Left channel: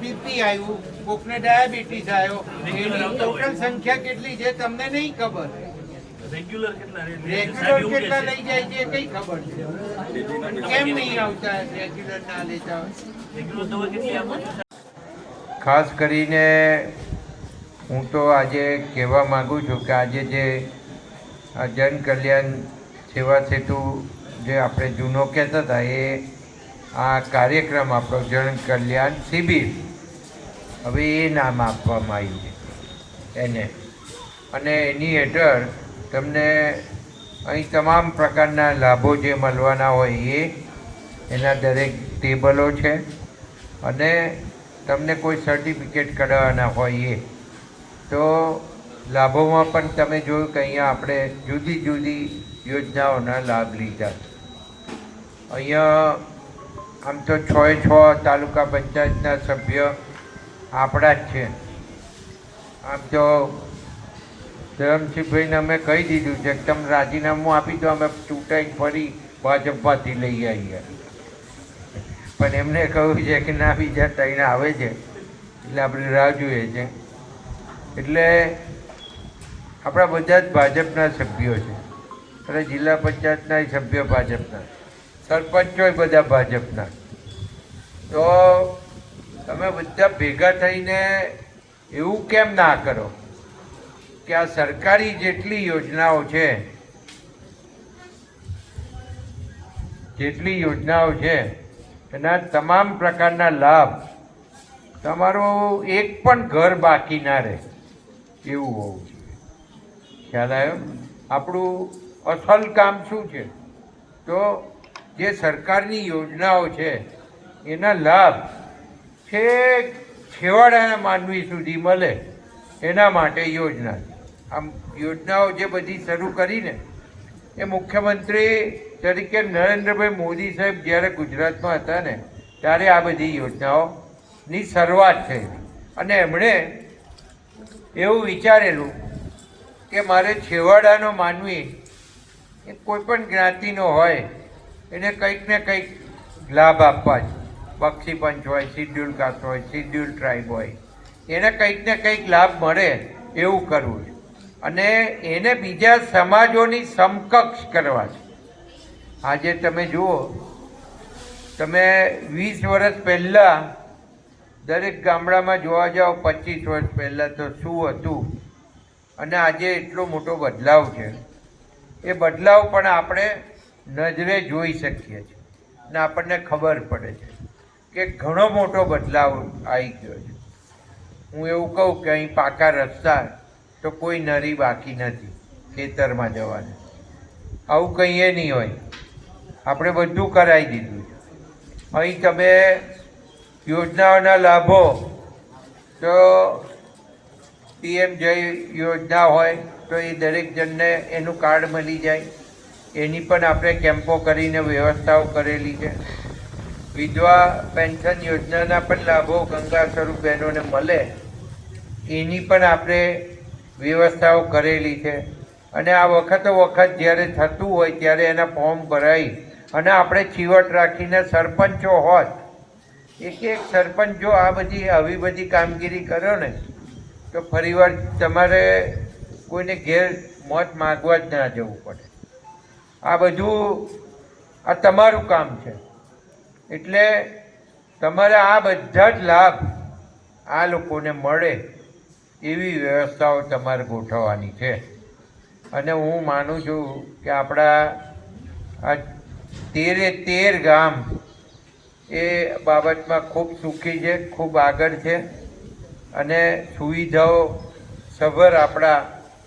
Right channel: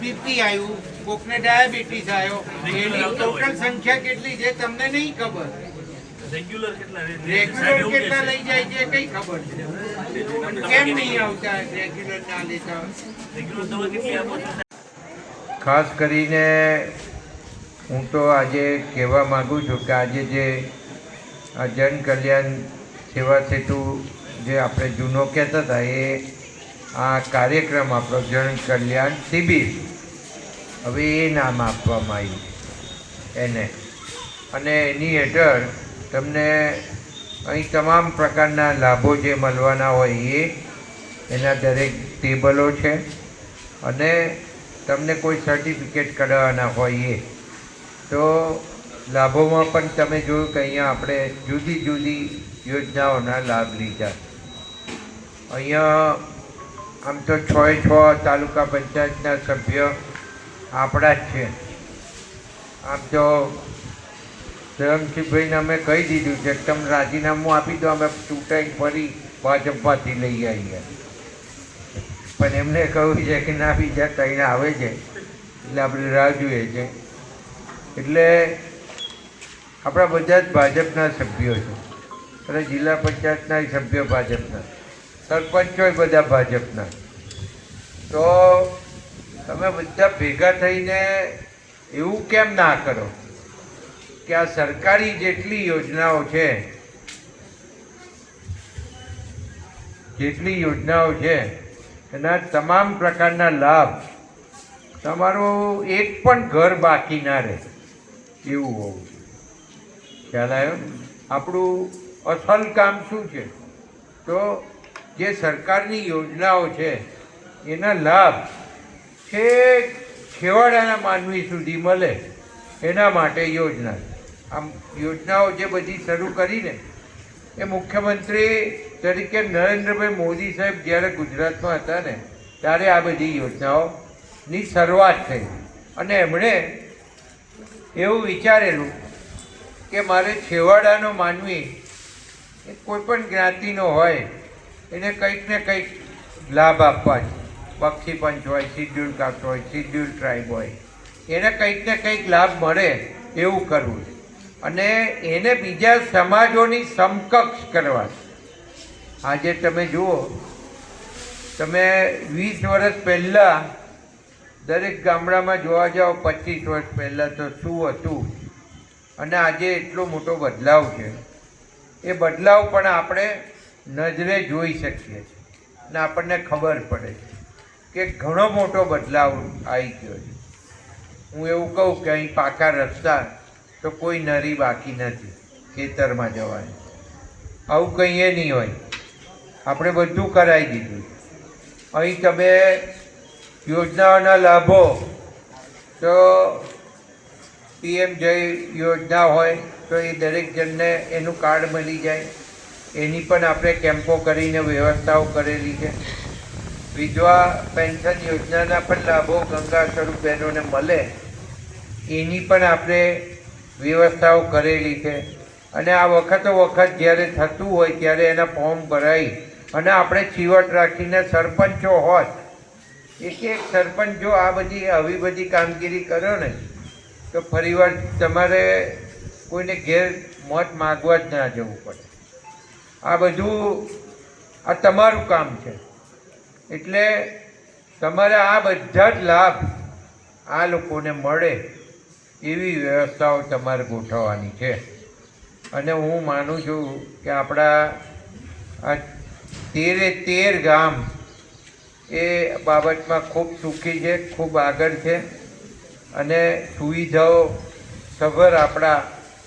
BP આવ્યું, કોકને diabetes આવ્યો, એની ટોટલ સંખ્યા કેટલી છે તમને નહીં ખબર. રેગ્યુલર કેટલા લઈ જાય છે કઈ ખબર છે? કેમ નહીં આવતા રેગ્યુલર ના લેતા? ખાસ કરીને હું તો આજે કહેવા માંગુ છું કે આજે જે આ જન કલ્યાણ સેવા સેતુ જે આપણે જૂનો કહેતા હતા એ આ કાર્યક્રમ આપણો જન કલ્યાણ શિબિર, હવે એ નામ આપવામાં આવ્યું એને, અને એની હેઠળ તમને અહીં તમામ પ્રકારના લાભો જે મળવાના હોય એ એના દરેક ટેબલો છે, અને તમને કોઈ સર્ટિફિકેટ કઢાવવાના હોય એ તો લાભોમાં પણ તમે જોયું કે અહીંયા આપણે જુદી જુદી યોજનાઓના લાભ લીધા. અહીંયા આમ તો 6 તાલુકા પંચાયતના સભ્ય આપણા જ છે. આમ તો ધરમસિંહભાઈને અમે કહી દીધું છે કે તમે રાજીનામું આપી દો, અમે ચૂંટાઈ ફરી ભાજપમાંથી લઈ આવીએ, પણ એમને કહ્યું છે કે ના બીજા તઈને આવે છે એટલે આપણી રાહ જોઈએ છે. એટલે આપણા બધા જ ભાજપના સભ્યો છે, અને જિલ્લા પંચાયતના સભ્યો ભાજપના, સરપંચો બધા ભાજપના. તો તમે બધા ભેગા થઈને એવું કેમ ના કરો કે આ સરકારી જેટલી યોજનાઓ છે એના તમામ પ્રકારના લાભ, તમારું એક પણ ઘર બાકી ના રહે એવું હોવું. ખ્યાલ આવ્યો? આપણું અસલ કામ શું છે? તો જે સરકારની યોજનાઓ છે એના લાભ છેવાડાના માનવી સુધી મળે એના માટે યોજના. આમ યોજનાઓ જે બધી શરૂ કરીને એ મુખ્યમંત્રી તરીકે નરેન્દ્રભાઈ મોદી સાહેબ જ્યારે ગુજરાતમાં હતા ને ત્યારે આ બધી યોજનાઓની શરૂઆત થઈ, અને એમણે એવું વિચારેલું કે મારે છેવાડાનો માનવી એ કોઈ પણ જ્ઞાતિનો હોય એને કંઈક ને કંઈક લાભ આપવા છે. બક્ષી પંચ હોય, શિડ્યુલ કાસ્ટ હોય, શિડ્યુલ ટ્રાઇબ હોય, એને કંઈક ને કંઈક લાભ મળે એવું કરવું, અને એને બીજા સમાજોની સમકક્ષ કરવા. આજે તમે જુઓ, તમે 20 વર્ષ પહેલાં દરેક ગામડામાં જોવા જાઓ, 25 વર્ષ પહેલાં તો શું હતું, અને આજે એટલો મોટો બદલાવ છે. એ બદલાવ પણ આપણે નજરે જોઈ શકીએ છીએ, અને આપણને ખબર પડે છે કે ઘણો મોટો બદલાવ આવી ગયો છે. હું એવું કહું કે અહીં પાકા રસ્તા તો કોઈ નરી બાકી નથી ખેતરમાં જવાનું, આવું કંઈ નહીં હોય. આપણે બધું કરાવી દીધું. અહીં તમે યોજનાઓના લાભો તો PM જય યોજના હોય તો એ દરેક જણને એનું કાર્ડ મળી જાય, એની પણ આપણે કેમ્પો કરીને વ્યવસ્થાઓ કરેલી છે. વિધવા પેન્શન યોજનાના પણ લાભો ગંગા સ્વરૂપ બહેનોને મળે એની પણ આપણે વ્યવસ્થાઓ કરેલી છે. અને આ વખત જ્યારે થતું હોય ત્યારે એના ફોર્મ ભરાઈ અને આપણે ચીવટ રાખીને સરપંચો હોત, એક સરપંચ જો આવી બધી કામગીરી કરો ને તો ફરીવાર તમારે કોઈને ઘેર મોત માગવા જ ના જવું પડે. આ બધું આ તમારું કામ છે, એટલે તમારે આ બધા જ લાભ આ લોકોને મળે એવી વ્યવસ્થાઓ તમારે ગોઠવવાની છે. અને હું માનું છું કે આપણા આ 13 ગામ એ બાબતમાં ખૂબ સુખી છે, ખૂબ આગળ છે, અને સુવિધાઓ સભર આપણા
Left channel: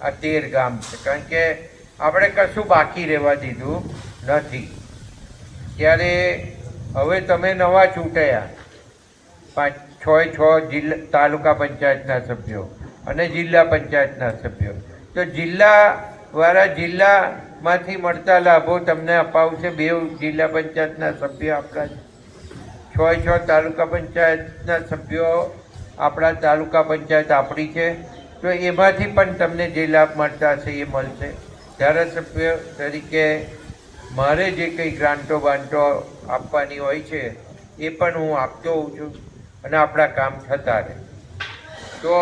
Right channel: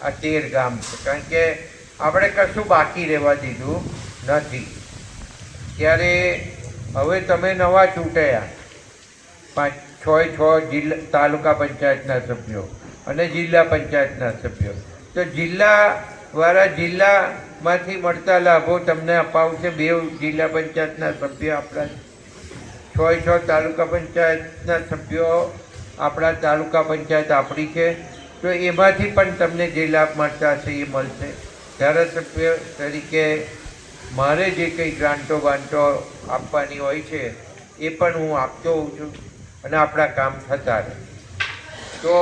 આ 13 ગામ છે. કારણ કે આપણે કશું બાકી રહેવા દીધું નથી. ત્યારે હવે તમે નવા ચૂંટાયા 6 જિલ્લા તાલુકા પંચાયતના સભ્યો અને જિલ્લા પંચાયતના સભ્યો, તો જિલ્લામાંથી મળતા લાભો તમને અપાવશે 2 જિલ્લા પંચાયતના સભ્યો આપણા, 6 તાલુકા પંચાયતના સભ્યો આપણા, તાલુકા પંચાયત આપણી છે, તો એમાંથી પણ તમને જે લાભ મળતા હશે એ મળશે. ધારાસભ્ય તરીકે મારે જે કંઈ ગ્રાન્ટો બાન્ટો આપવાની હોય છે એ પણ હું આપતો હોઉં છું અને આપણા કામ થતા રહે. તો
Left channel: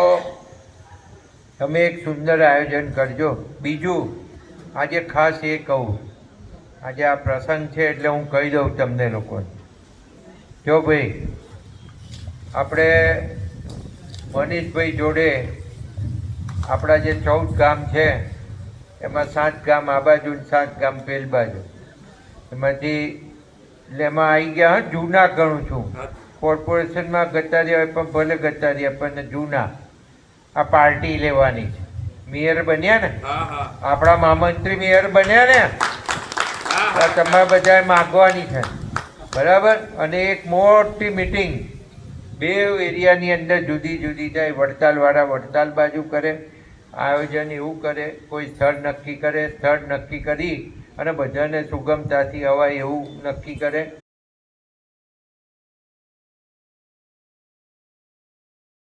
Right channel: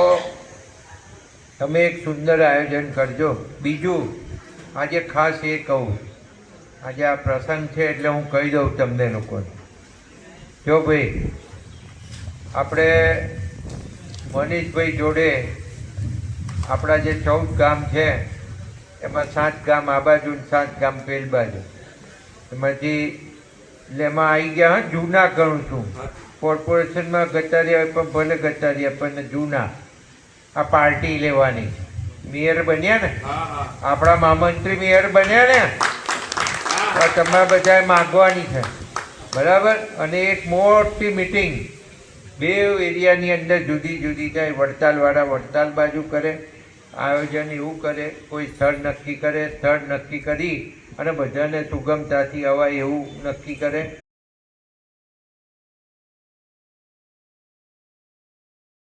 તમે એક સુંદર આયોજન કરજો. બીજું આજે ખાસ એ કહું, આજે આ પ્રસંગ છે એટલે હું કહી દઉં તમને લોકોને. જો ભાઈ આપણે મનીષભાઈ જોડે આપણા જે 14 ગામ છે એમાં 7 ગામ આ બાજુ 7 ગામ પેલ બાજુ, એમાંથી એટલે એમાં આવી ગયા. હા, જૂના ગણું છું. કોર્પોરેશનમાં ગતા રહ્યા પણ ભલે ગતા રહ્યા પણ જૂના. આ પાર્ટી લેવાની છે. મેયર બન્યા ને, આપણા મહામંત્રી મેયર બન્યા ને, તમારે બધાએ માગવાની છે, બરાબર. અને એક મોટી મિટિંગ 2 એરિયાની અંદર જુદી જુદી થાય. વડતાલવાળા વડતાલ બાજુ કરે આયોજન, એવું કરે. કોઈ સ્થળ નક્કી કરે, સ્થળ નક્કી કરી અને બધાને સુગમતાથી અવાય એવું નક્કી કરે.